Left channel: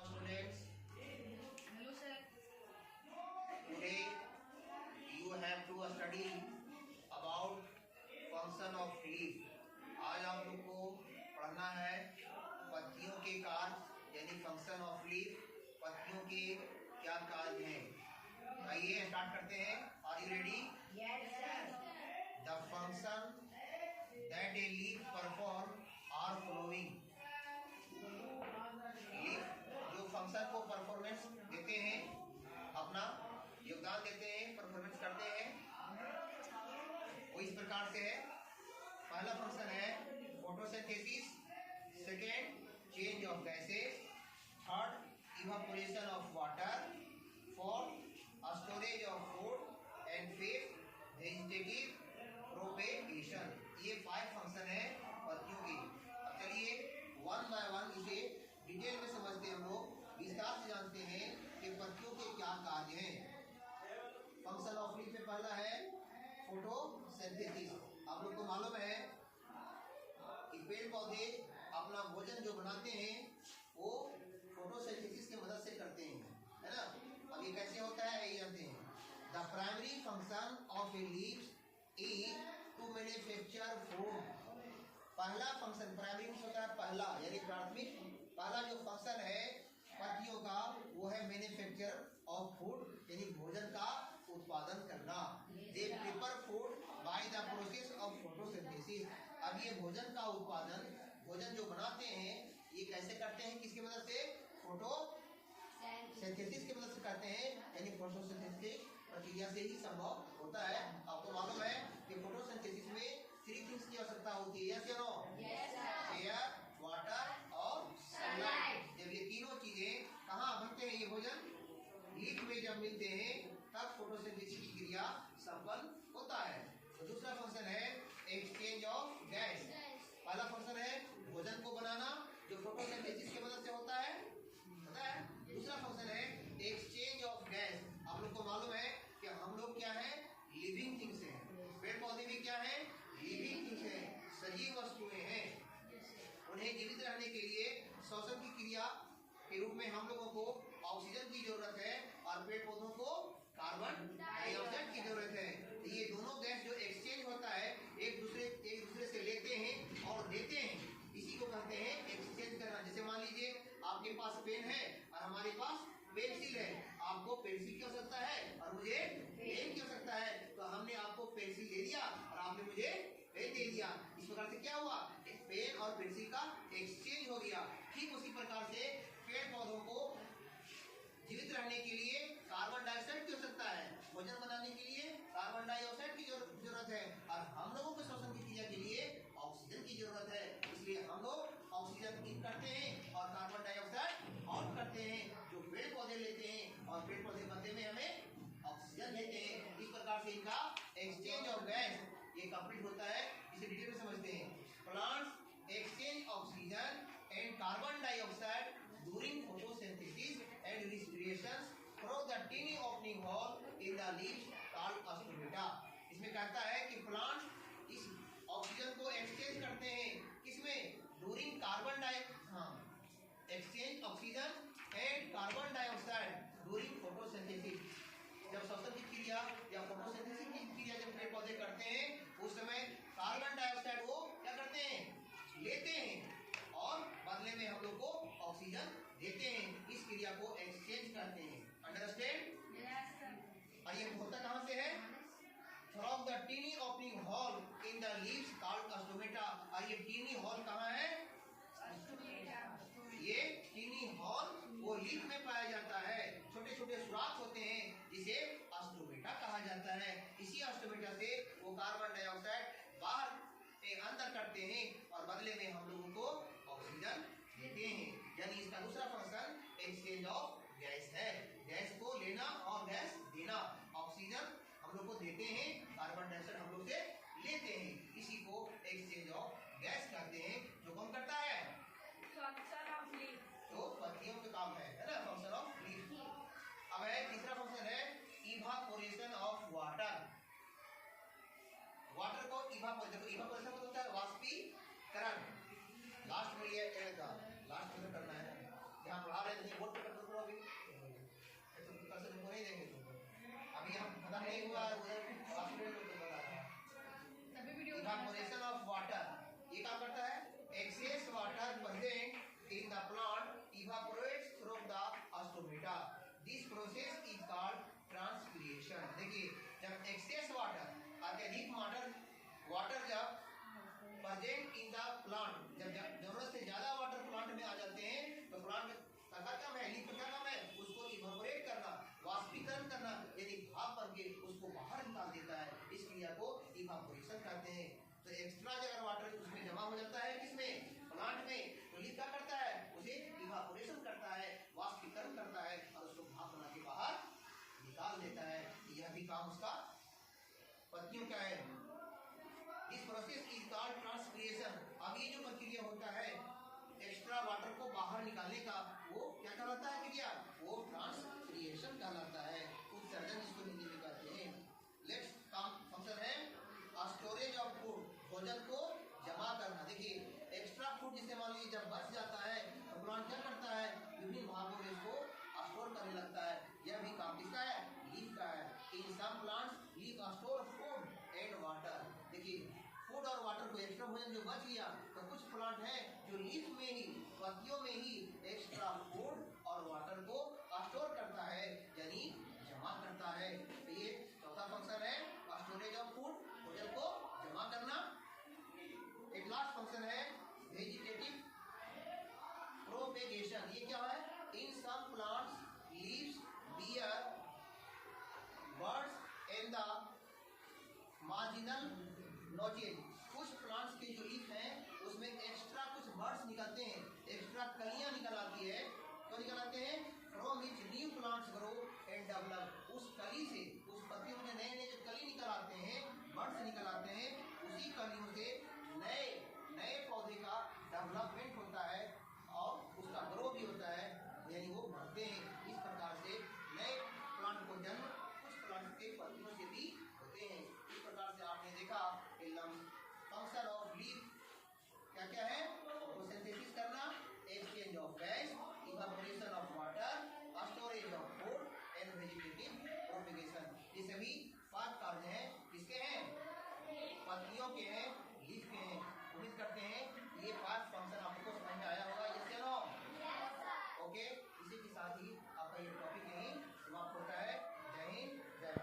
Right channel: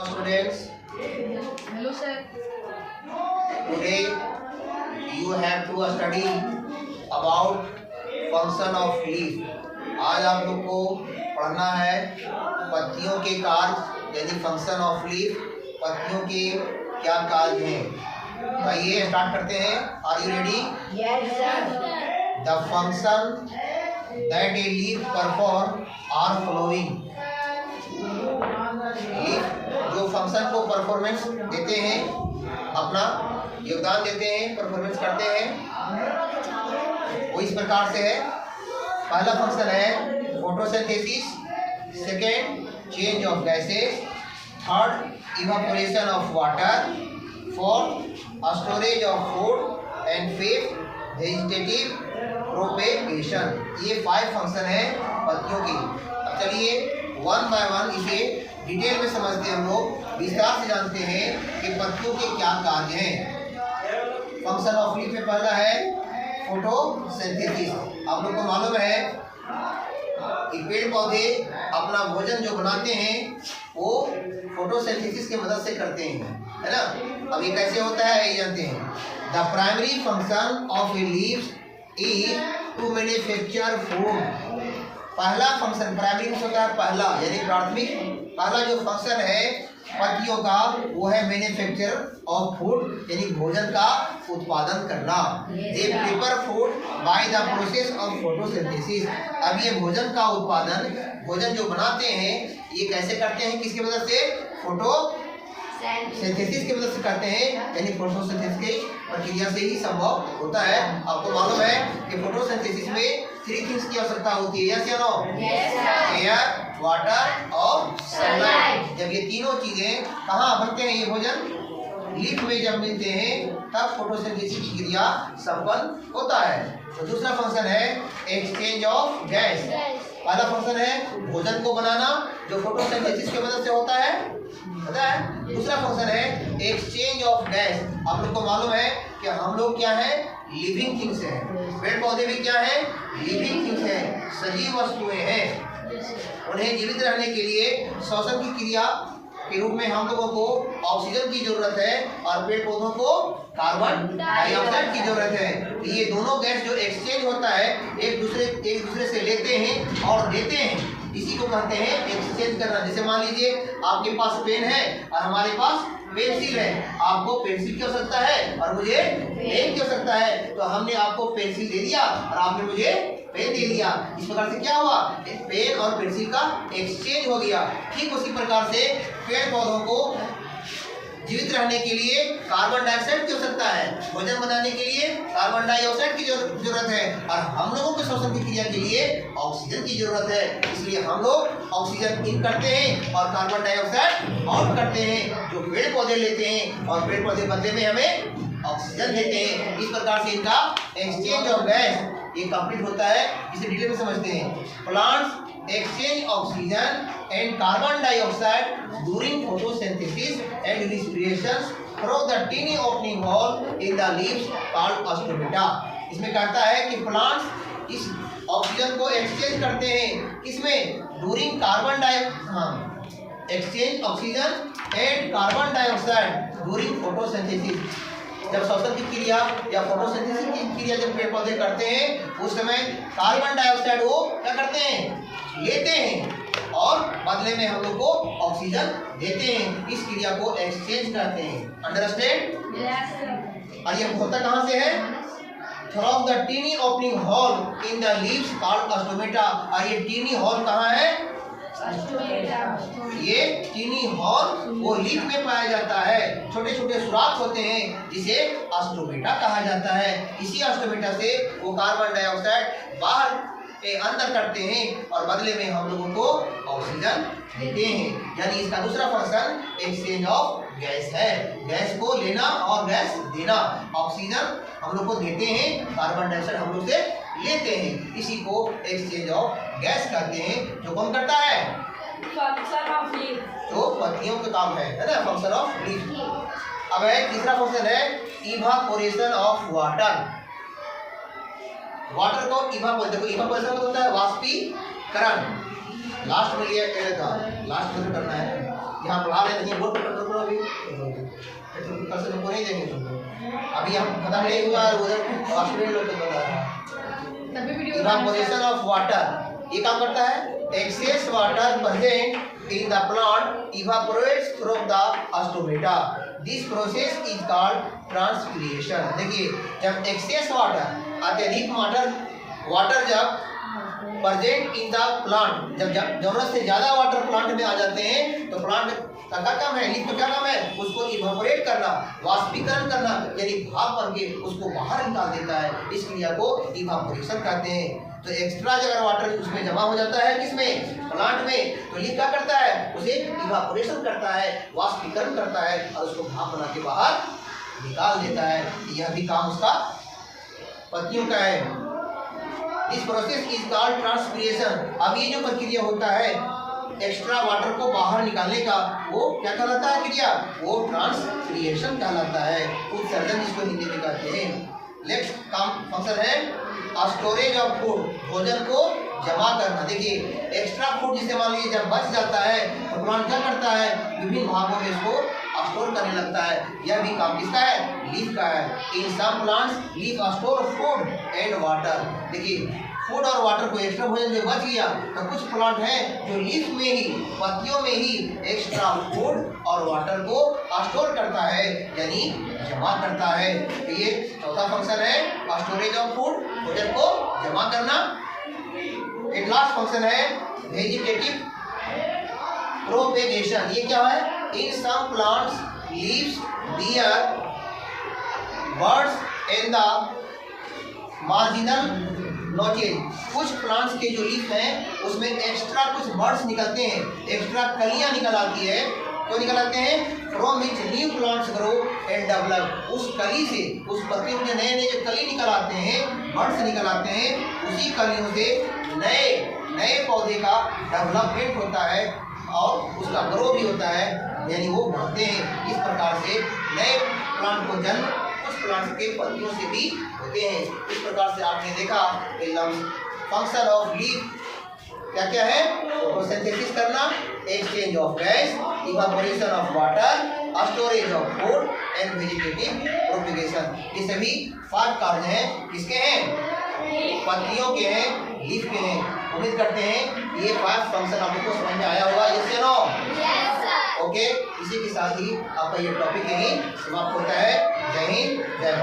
Students, Hello, sir. today you have to study about function of leaf. आज आप लोग को पढ़ना है पत्तियों के कार्य यानी फंक्शन ऑफ लीफ, पत्तियों के क्या कार्य हैं। आइए स्टार्ट करते हैं। Are you ready? Yes, sir. The function that a leaf perform are following. जो फंक्शन को परफॉर्मेंस देते हैं, अपना योगदान देते हैं, परफॉर्मेंस करते हैं, वो इस प्रकार से है। पहला फंक्शन है photosynthesis, second change of gases, third evaporation of water, fourth storage of food and fifth vegetative propagation. ये 5 फंक्शन है पत्तियों की। अब चलिए वन बाय वन इसे डिटेल में समझते हैं। हम लोग विस्तार से जानते हैं कि पत्तियों के क्या कार्य हैं। फंक्शन ऑफ लीफ में पहला है फोटोसिंथेसिस। आप लोग को मालूम है कि पेड़ पौधे अपना भोजन जो बनाते हैं वो फोटोसिंथेसिस की मदद से करते हैं, है ना। अब ये कैसे होता है ये जानते हैं। The primary function of a leaves is to manufacture food. पहला फंक्शन प्राइमरी फंक्शन होता है पहला, यानी प्राथमिक पहला जो फंक्शन है पत्तियों का वो है मैन्युफैक्चर ऑफ फूड, यानी भोजन का उत्पादन करना। They prepare food by the process of photosynthesis. अब ये भोजन का उत्पादन, भोजन जो बनाते हैं ये कैसे करते हैं, किसकी मदद से? फोटोसिंथेसिस की मदद से करते हैं, यानी फोटोसिंथेसिस की प्रक्रिया से ही संभव होता है। आपको मालूम है कि फोटोसिंथेसिस में 3 थिंग्स की आवश्यकता होती है, यस या नो? एयर, वाटर और सनलाइट। जब ये तीनों चीजें कहाँ बनते हैं, ये भोजन लीफ में जब मिलते हैं तब फोटोसिंथेसिस की क्रिया संपन्न होता है। तो दूसरा फंक्शन है एक्सचेंज ऑफ गैस। पहला फंक्शन है भोजन को बनाना जो फोटोसिंथेसिस की मदद से होता है, पता है। दूसरा फंक्शन है एक्सचेंज ऑफ गैस। आप लोग को मालूम है कि हम लोग क्या है, लिविंग थिंग्स हैं। पेड़ पौधे भी क्या है, लिविंग थिंग्स हैं, सजीव वस्तुएं हैं। उन्हें जीवित रहने के लिए श्वसन की क्रिया के रूप में हम लोगों को ऑक्सीजन की जरूरत है और पेड़ पौधों को कार्बन डाइऑक्साइड की जरूरत है। ये दोनों गैस जो एक्सचेंज होता है एक दूसरे से लेते हैं और देते हैं, इसी को कहते हैं एक्सचेंज करना। जैसे मान लीजिए आपके पास पेन है और हमारे पास पेंसिल है। आपको पेंसिल की आवश्यकता है और मुझे पेन की आवश्यकता है, तो हमने आपको पेंसिल दे दिया और आपने मुझे पेन दे दिया। इस प्रकार से क्या हुआ, पेन और पेंसिल का एक्सचेंज हो गया। ठीक उसी प्रकार से पेड़ पौधों को जीवित रहने के लिए कार्बन डाइऑक्साइड की आवश्यकता है, भोजन बनाने के लिए कार्बन डाइऑक्साइड की जरूरत है और हम लोगों के श्वसन की क्रिया के लिए ऑक्सीजन की जरूरत है। इसलिए हम लोग ऑक्सीजन इन करते हैं और कार्बन डाइऑक्साइड आउट करते हैं, जो पेड़ पौधे लेते हैं और पेड़ पौधे बदले में हमें ऑक्सीजन देते हैं। इस प्रकार से इनका एक्सचेंज ऑफ गैस ये कंप्लीट होता है। इसे डिटेल में समझते हैं। Plants exchange oxygen and carbon dioxide during photosynthesis and respiration through the tiny opening hole in the leaves called stomata। इसमें कहता है कि प्लांट्स इस ऑक्सीजन को एक्सचेंज करते हैं, किसमें? During exchange oxygen and carbon dioxide during photosynthesis. जब श्वसन की क्रिया या फोटोसिंथेसिस की क्रिया जब पेड़ पौधे करते हैं उस समय कार्बन डाइऑक्साइड वो क्या करते हैं, लेते हैं और बदले में हम लोग को ऑक्सीजन देते हैं। इस क्रिया को एक्सचेंज करते हैं। अंडरस्टैंड? और ये होता कहाँ से है? From the tiny opening hole in the leaves called stomata. और ये टीनी होल कहाँ है? ये टीनी हॉल वो लीफ में पाया जाता है। छोटे छोटे सुराख होते हैं जिसे स्टोमेटा कहा जाता है। इसी स्टोमेटा से वो कार्बन डाइऑक्साइड बाहर के अंदर करते हैं और बदले में हम लोगों को ऑक्सीजन देते हैं। यानी इसका दूसरा फंक्शन एक्सचेंज ऑफ गैस है, गैस को लेना और गैस देना। ऑक्सीजन हम लोग को देते हैं, कार्बन डाइऑक्साइड हम लोग से लेते हैं। इसी को एक्सचेंज ऑफ गैस कहते हैं। जो कौन करता है? जो पत्तियों का काम है ना, फंक्शन ऑफ लीफ। अब है तीसरा फंक्शन है इवापोरेशन ऑफ वाटर। वाटर को इवापोरेशन होता है वाष्पीकरण। लास्ट में लिया था, लास्ट में करना है। यहाँ पढ़ा रहे नहीं बोल पकड़ो अभी कल से तुमको नहीं देंगे तुमको अभी हम खत्म नहीं हुआ उधर ऑस्ट्रेलिया लोग को बता रहा तभी वीडियो इवापोरेशन ऑफ वाटर ये काम करता है excess water present in the plant evaporates from the stomata this process is called transpiration. देखिए जब एक्सेस वाटर अत्यधिक वाटर जब प्रेजेंट इन द प्लांट जब जरूरत से ज्यादा वाटर प्लांट में आ जाते हैं तो प्लांट का क्या काम है लीफ का क्या काम है उसको इवापोरेट करना वाष्पीकरण करना यानी भाप बन के उसको बाहर निकाल देता है इस क्रिया को इवापोरेशन कहते हैं। तो एक्स्ट्रा अगर वाटर उसमें जमा हो जाता है किसमें प्लांट में तो लीफ क्या करता है उसे इवापोरेशन करता है वाष्पीकरण करता है और उसको भाप बना के बाहर निकाल देता है। यह भी काम उसका पत्तियों का है। इस प्रोसेस इज कॉल्ड ट्रांसपीरेशन। अब ये जो प्रक्रिया होता है एक्स्ट्रा वाटर को बाहर निकालने का वो क्या कहलाता है क्रिया वो ट्रांसपीरेशन कहलाता है उत्सर्जन जिसको हिंदी में कहते हैं। नेक्स्ट काम फंक्शन है स्टोरेज ऑफ फूड भोजन को जमा करना। देखिए एक्स्ट्रा फूड जिसे मान लीजिए जब बच जाता है तो प्लांट क्या करता है विभिन्न भागों में इसको स्टोर करने लगता है। यह भी काम किसका है लीफ का है। In some plants leaf store food and water. देखिए फूड और वाटर को एक्स्ट्रा भोजन जो बच गया तो कुछ प्लांट हैं जो लीफ में ही पत्तियों में ही एक्स्ट्रा फूड और वाटर को स्टोर करता है यानी जमा करता है। तो ये चौथा फंक्शन है स्टोरेज ऑफ फूड भोजन को जमा करना। एक लास्ट फंक्शन है वेजिटेटिव प्रोपेगेशन। ये क्या है in some plants leaves bear buds in the marginal नोटिल। कुछ प्लांट्स के जो लीफ हैं उसमें एक्स्ट्रा कुछ बर्ड्स निकलते हैं एक्स्ट्रा कलियां निकल आती है। क्यों निकल आते हैं from which new plants grow and develop. उस कली से उस पत्ती में नए नए जो कली निकल आते हैं बर्ड्स निकल आते हैं उसी कलियों से नए नए पौधे का डेवलपमेंट होता है और उसका ग्रो भी होता है यानी वो बढ़ते हैं। इस प्रकार से नए प्लांट को जन्म कुछ प्लांट्स के पत्तियों से भी होते हैं। इस प्रकार से आपने देखा फंक्शन ऑफ लीफ क्या क्या है फोटोसिंथेसिस करना exchange of gas evaporation of water storage of food and vegetative propagation. ये सभी 5 कार्य हैं किसके हैं पत्तियों के हैं लीफ के हैं। उम्मीद करते हैं ये 5 फंक्शन आप लोग को समझ में आया होगा। यस या नो ओके। इसी के साथ ही आपका ये टॉपिक यही समाप्त होता है। जय हिंद जय